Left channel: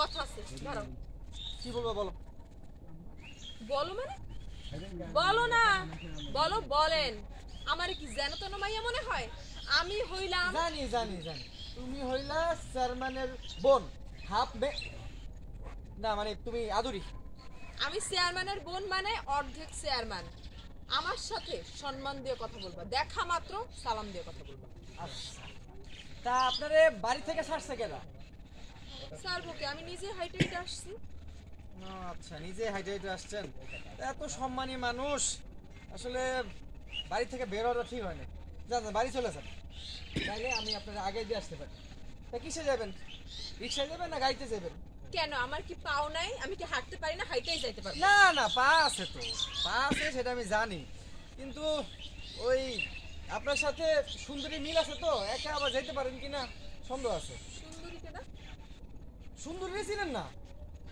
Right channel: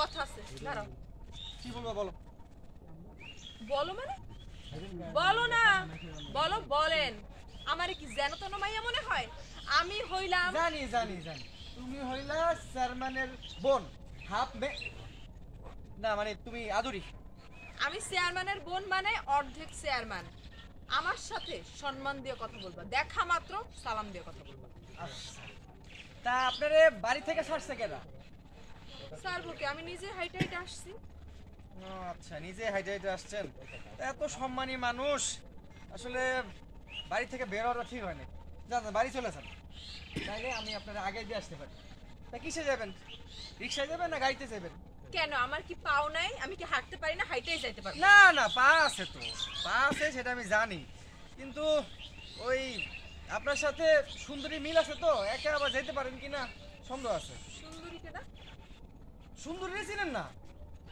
কথা আছে, দাঁড়াও। কি বলবো বলো? বলো মানে? বলো না, বলো, বলেন। আমারে কি যেন তেন মাইয়া মনে হয়? আমি হইলাম জানি জানি জানি, তুমি হইলা চেয়ারম্যানের বোন, হাফ মে, না মানে তুমি আদুরি। আমি চেয়ারম্যানের বোন মানে অর্ধেক চেয়ারম্যান। আমার সাথে সম্মান দিয়ে কথা বলবা, দেখা মাত্র সালাম দিয়ে কথা বলবা। আচ্ছা, তা আপনারে বাড়ি থেকে ছাড়ছে কেনা? স্যার বুকে আমি নিজে হাইটে হাইটে আসছি। ও আচ্ছা, নিজে হাইটে হাইটে আসছেন। তা এত সম্মানী মানুষ, আসলে বাড়ি থেকে বের হওয়াটা ঠিক হয় না। যান বাড়ি চলে যান, তাইলে আমি আপনার আগে দিয়ে আসতে পারি। তা কিসে যাবেন? রিক্সায় যাবেন না গাড়িতে যাবেন? কেন, আমার কি পাও নাই? আমি কি হাঁটতে পারি না? হাইটেই যাইতে পারবো? না না, পা আছে তো, পা আছে সেটা আমি জানি, কিন্তু ওই আপনার সাথে সুন্দরী মিল আছে তো, একা আবার যেতে পারেন কিনা সন্দেহ আছে। সুন্দরী কেনা? সুন্দরী ছিলেন না?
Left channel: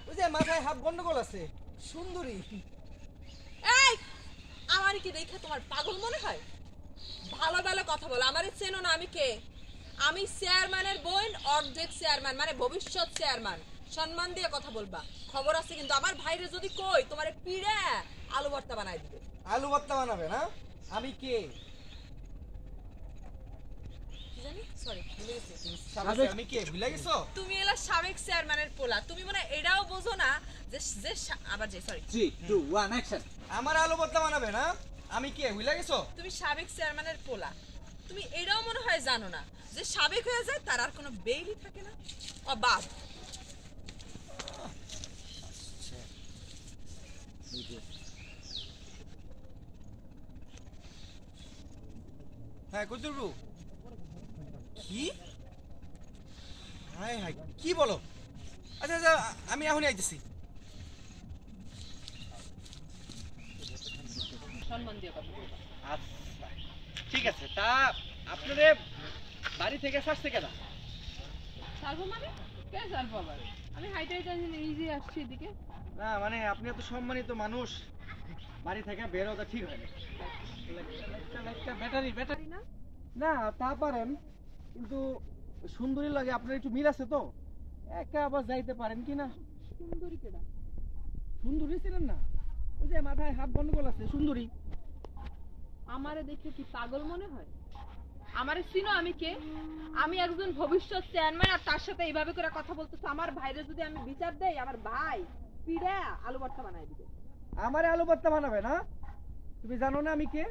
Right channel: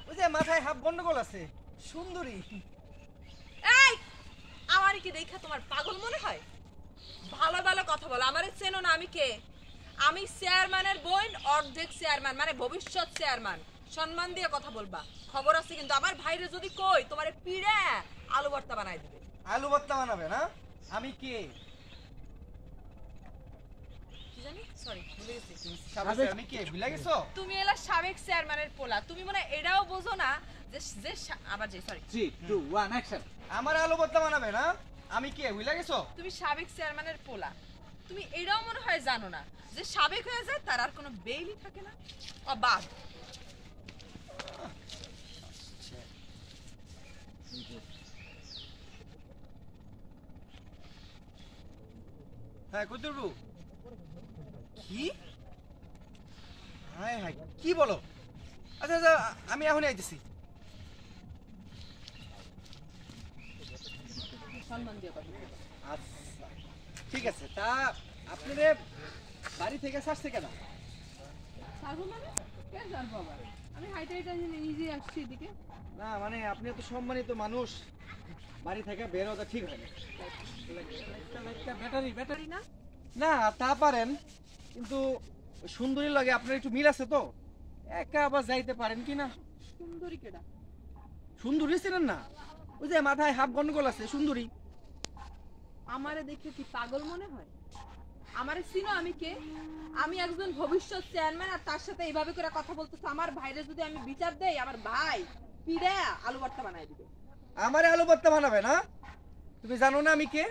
ওই যে মাথায় হাফ গন্ডগোল আছে, সুন্দরী। এই, আমার কি দেখা তোমার পাগল মনে হয়? ভালো ভালো কথা বলো, আমারে চেনো না আমি কে? আমি চেয়ারম্যানের বোন, অর্ধেক চেয়ারম্যান মানে ভবিষ্যৎ চেয়ারম্যান। সম্মান দিয়ে কথা বলবা, খবর আছে কিন্তু। আমার ভাইরে যদি কই তোমারে পিড়ে আলু ভর্তা বানাই দিবে। আলু ভর্তা বানাবে না? আমি কে? কি জানি, সরি ভুলে গেছি। আমি কে ভুলে গেছো? তুমি এলা সাবেক চেয়ারম্যানের পোলা, তুমি মনে হয় এটাও বোঝো না যে যে আবার যে সরি 3 2 1 অ্যাকশন। আমার আলু ভর্তা বানাবে না? আমি কে ভুলে গেছো? তুমি সাবেক চেয়ারম্যানের পোলা, তুমি এটাও মনে হয় জানো না যে সাবেক হয়ে যায় তার আর কোনো বেইলি থাকে না। বাদ। হ্যাঁ কুতুরবু, কি? হায় হায়, কি বলো? আচ্ছা আচ্ছা, আমি এখনই আইতেছি। সম্মান দিয়ে কথা বলবা। আচ্ছা ঠিক আছে, তা আপনাদের বাড়ি থেকে ছাড়ছে কেনা? ছাড়বো মানে? কে ছাড়বো আবার? আমি হাইটে হাইটে নিজে আসছি এদিকে। না মানে আপনি এত সম্মানিত মানুষ, বাড়ি থেকে বের হওয়া ঠিক হয় না। ব্যাটারি ব্যাটারি না না, তা পারেন, কিন্তু সুন্দরী লাগে আপনার একটু মিল আছে তো, একা আবার যাইতে পারেন কি না? সুন্দরী কেডা? সুন্দরী ছিলেন না? ওই যে মাথায় হাফ গন্ডগোল আছে, সুন্দরী। আমারে দেখে কি পাগল মনে হয়? আমারে চিনো আমি কে? আমি একজন ভবিষ্যৎ চেয়ারম্যান, আর তার সাথে এইভাবে করে কথা বলতেছে। আমার ভাইরে যদি আমি বিচার দেই, আমার ভাই পিড়ে আলু ভর্তা বানাই দিবে। আমারে আলু ভর্তা বানাবে না? তুমি জানো না আমি কে?